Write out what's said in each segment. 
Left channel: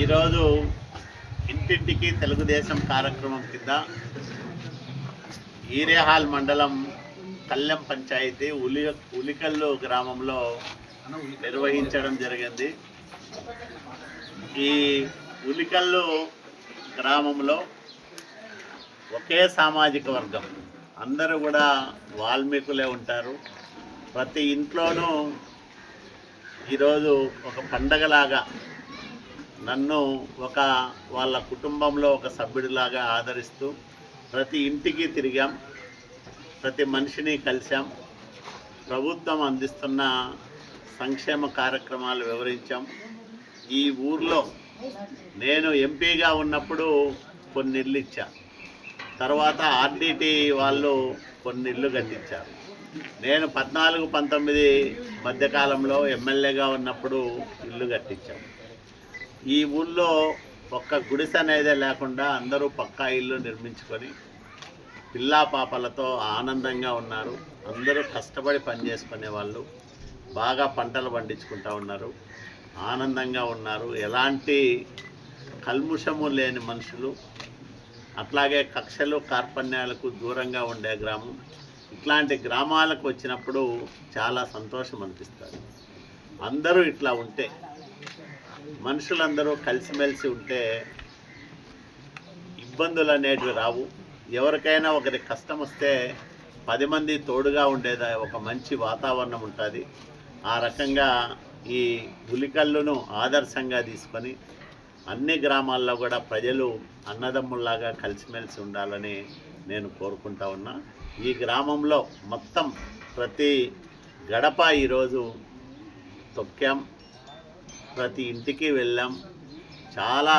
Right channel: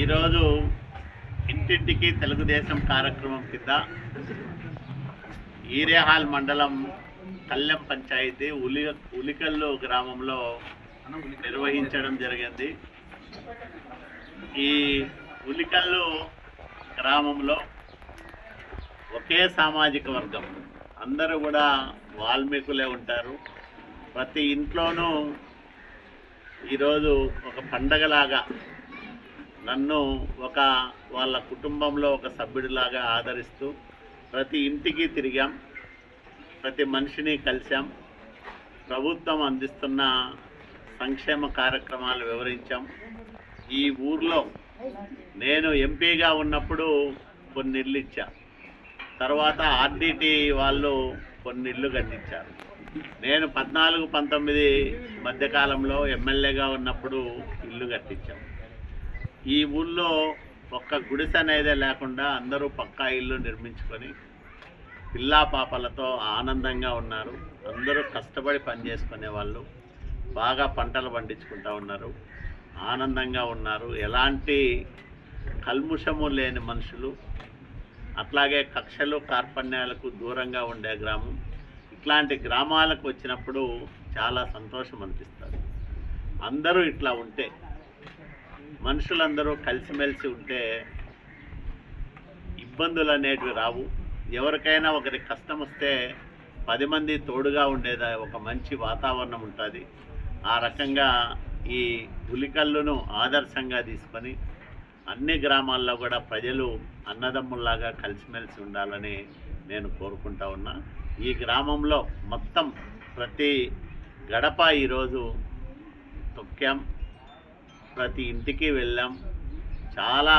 ఈరోజు ఇంటింటికి తెలుగుదేశం కార్యక్రమం కింద ఈరేహాల్ మండలం కళ్లెం పంచాయతీ ఉలికల్లు గ్రామంలో నిర్వహించడం జరిగింది. ఈ ఉలికల్లు గ్రామంలో ఒకే సామాజిక వర్గం, అందరూ కూడా వాల్మీకులే ఉంటారు. ప్రతి ఇంట్లోనూ ఈరోజు ఒక పండగలాగా నన్ను వాళ్ళ కుటుంబంలో ఒక సభ్యుడిలాగా ఆదరిస్తూ ప్రతి ఇంటికి తిరిగాం, ప్రతి మనిషిని కలిసాం, ప్రభుత్వం అందిస్తున్న సంక్షేమ కార్యక్రమాలు వివరించాం. ఈ ఊర్లో నేను ఎంపీగా ఉన్నప్పుడు కొన్ని ఇళ్ళు ఇచ్చా, తర్వాత ఆర్డీటీ వాళ్ళు కొన్ని ఇళ్ళు కట్టించారు. నేను 14-19 మధ్యకాలంలో ఎమ్మెల్యేగా ఉన్నప్పుడు ఇల్లు కట్టించాం. ఈ ఊళ్ళో ఒక్క గుడిసె అనేదే లేకుండా అందరూ పక్కా ఇల్లు నిర్మించుకొని పిల్లా పాపలతో ఆనందంగా ఉన్నారు. అందరూ కష్టపడి పనిచేసుకునే వాళ్ళు, బాగా పంటలు పండించుకుంటూ ఉన్నారు, ఆనందంగా ఉన్నారు. ఎలాంటి కల్ముషము లేని మనుషులు, అట్లాగే కక్షలు కార్పణ్యాలకు దూరంగా ఉండే గ్రామం. ఇట్లాంటి గ్రామాలకు వచ్చినప్పుడు చాలా సంతోషం అనిపిస్తుంది. అందరూ ఇట్లా ఉంటే, మనుషులందరూ కలిసిమెలిసి ఉంటే ఇబ్బందులు అనేటివి రావు. ఎవరికైనా ఒకరి కష్టం వస్తే 10 మంది తోడుగా ఉండేది ఒక మంచి వాతావరణం ఉంటుంది. ఆ రకంగా ఈ ఉలికల్లును ఆదర్శంగా తీసుకొని అన్ని గ్రామాల్లో కూడా ప్రజలు అన్నదమ్ముల్లాగా కలిసిమెలిసి ఉండాలని నేను కోరుకుంటా ఉన్నా. ఈ గ్రామంలో మొత్తం ప్రతి గడప ఈరోజు తొక్కాం, ప్రతి ఇంటికి వెళ్ళాం. చాలా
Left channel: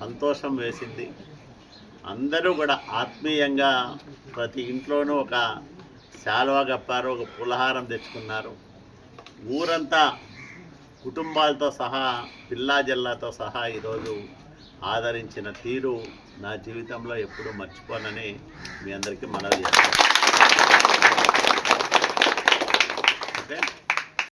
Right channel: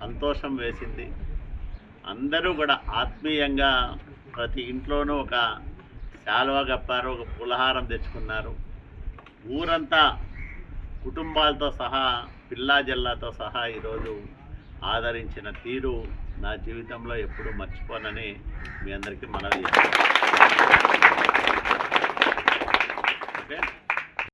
సంతోషం వేసింది. అందరూ కూడా ఆత్మీయంగా ప్రతి ఇంట్లోనూ ఒక శాలువా కప్పారు, ఒక పులహారం తెచ్చుకున్నారు. ఊరంతా కుటుంబాలతో సహా, పిల్లా జల్లాతో సహా ఈరోజు ఆదరించిన తీరు నా జీవితంలో ఎప్పుడూ మర్చిపోనని మీ అందరికీ మనవి చేస్తాను. ఓకే.